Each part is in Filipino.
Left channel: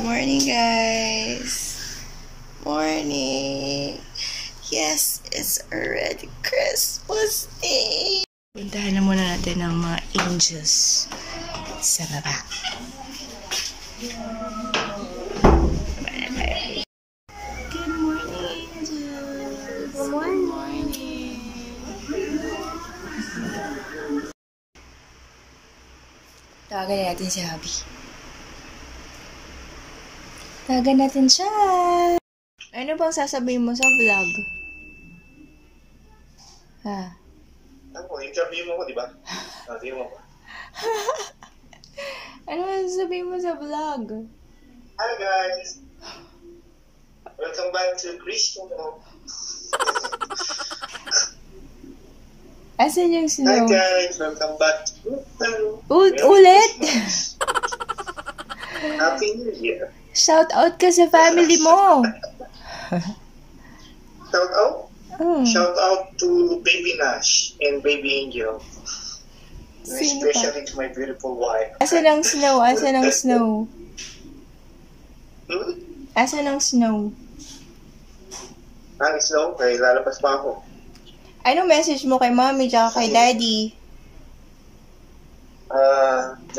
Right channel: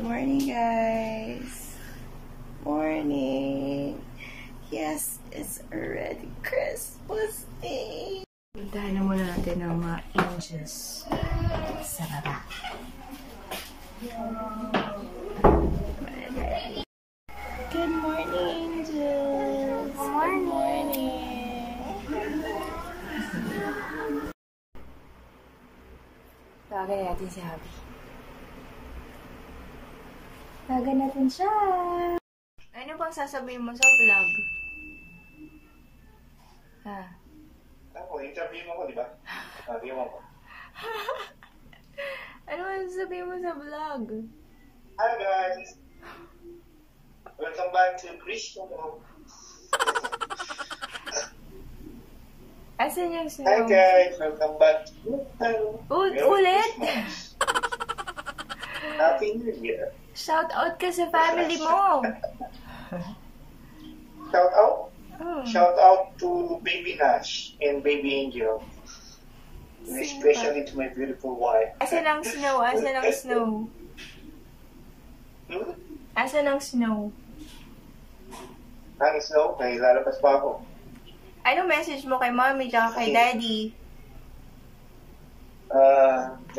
Morning, guys. Morning. Yes, it's already Christmas Day. Puntahan na muna natin ang mga angels sa baba. Good morning, angels. Good morning. Tawagan natin si Habi. Tawagan natin siya. Ano bang sasabihin mo sa vlog? Ha? Ako, interview mo ko, di ba? Interview mo ko. Ano bang sasabihin mo sa vlog? Hi guys! Welcome back to Christian. Asan yung snow? Hi guys! Welcome back to Ulit? Happy New Year! Shout out ka sa family mo. Shout out? Oh. Shout out to Baby Nash and Baby Angel. And Sino especially to my beautiful wife. Asan ang snow? Asan ang snow? Hmm? Asan ang snow? Ang snow? Kaya lalabas pa ako. Ano message mo kay mommy tsaka kay daddy?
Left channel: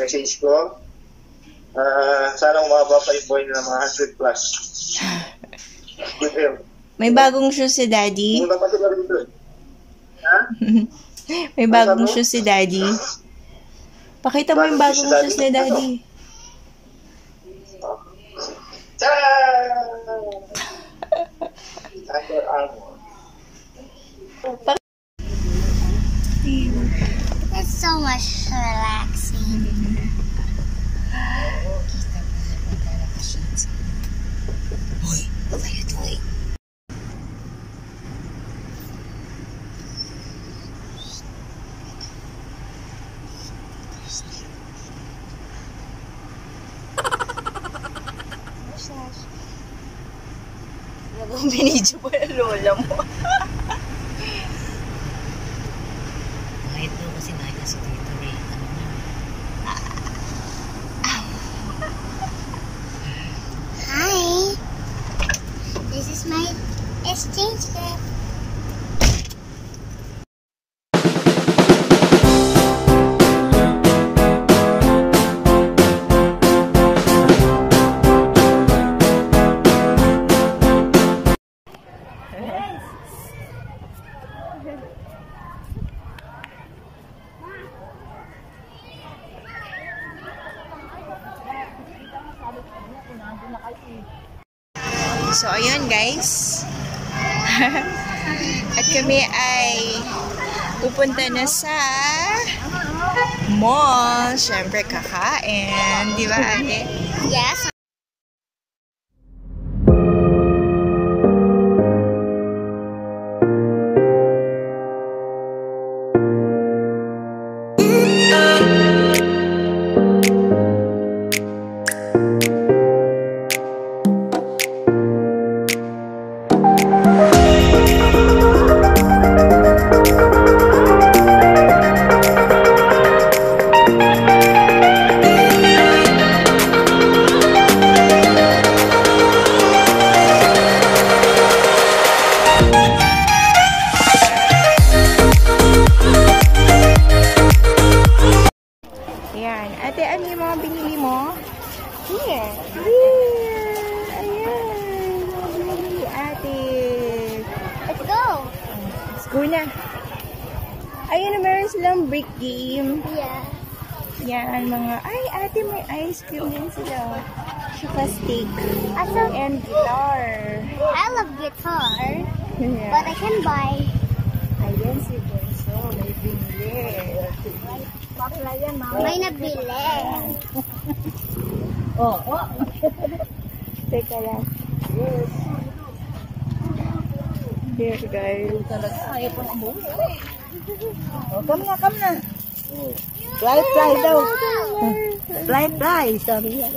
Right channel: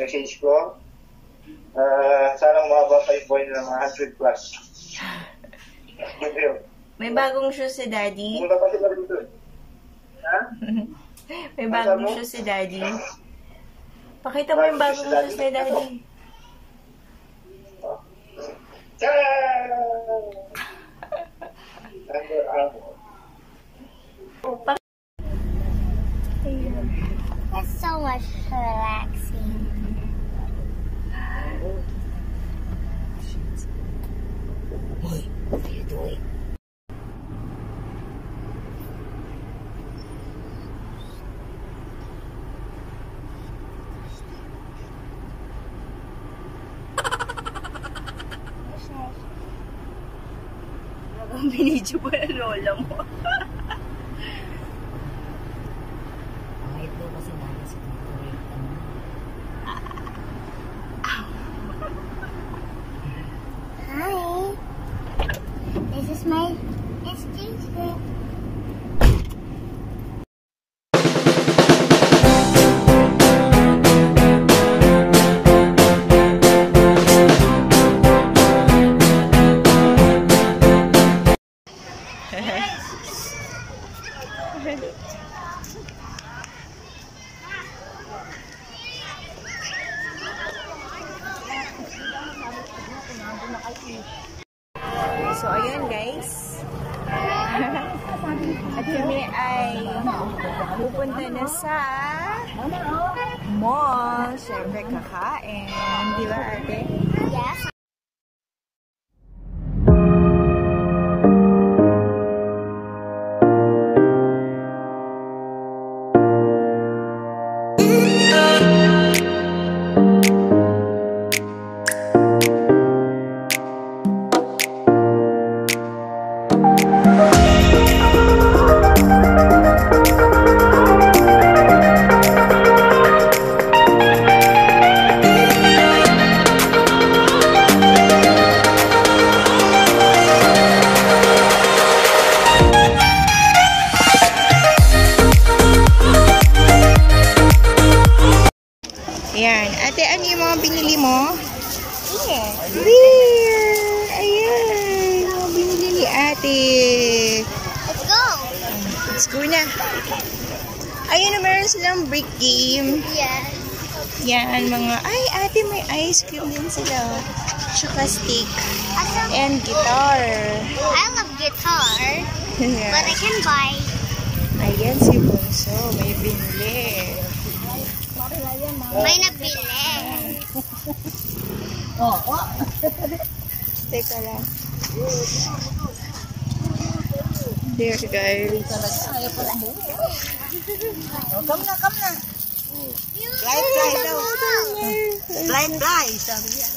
Message ko. Sana umaba pa yung boy na mga 100 plus. Good health. May bagong shoes si daddy? Punta pa sila rin doon. Ha? May bagong shoes si daddy? Pakita mo yung bagong shoes ni daddy. Under Armour. It's so much relaxing. Boy, what are you doing? Nagawang binidyo pa na lola mo. Kahit daw kasi nanya si Tito Ray. Hi. This is my exchange gift. So, ayun guys. At kami ay pupunta na sa mall. Siyempre, kakain. Di ba, ate? Yes. Ayan. Ate, ano yung mga binili mo? Here. Beer! Ayan. Mga binili ni ate. Let's go. Let's go na. Ayun na, meron silang brick game. Yeah. Yan, mga... Ay, ate, may ice cream din sila. Tsaka steak. And guitar. I love guitar, Yeah. but I can buy. Ayan si Bunso. May binili. May nabili. Teka lang. There, guys. Come na. Fly daw. Fly, sabi niya.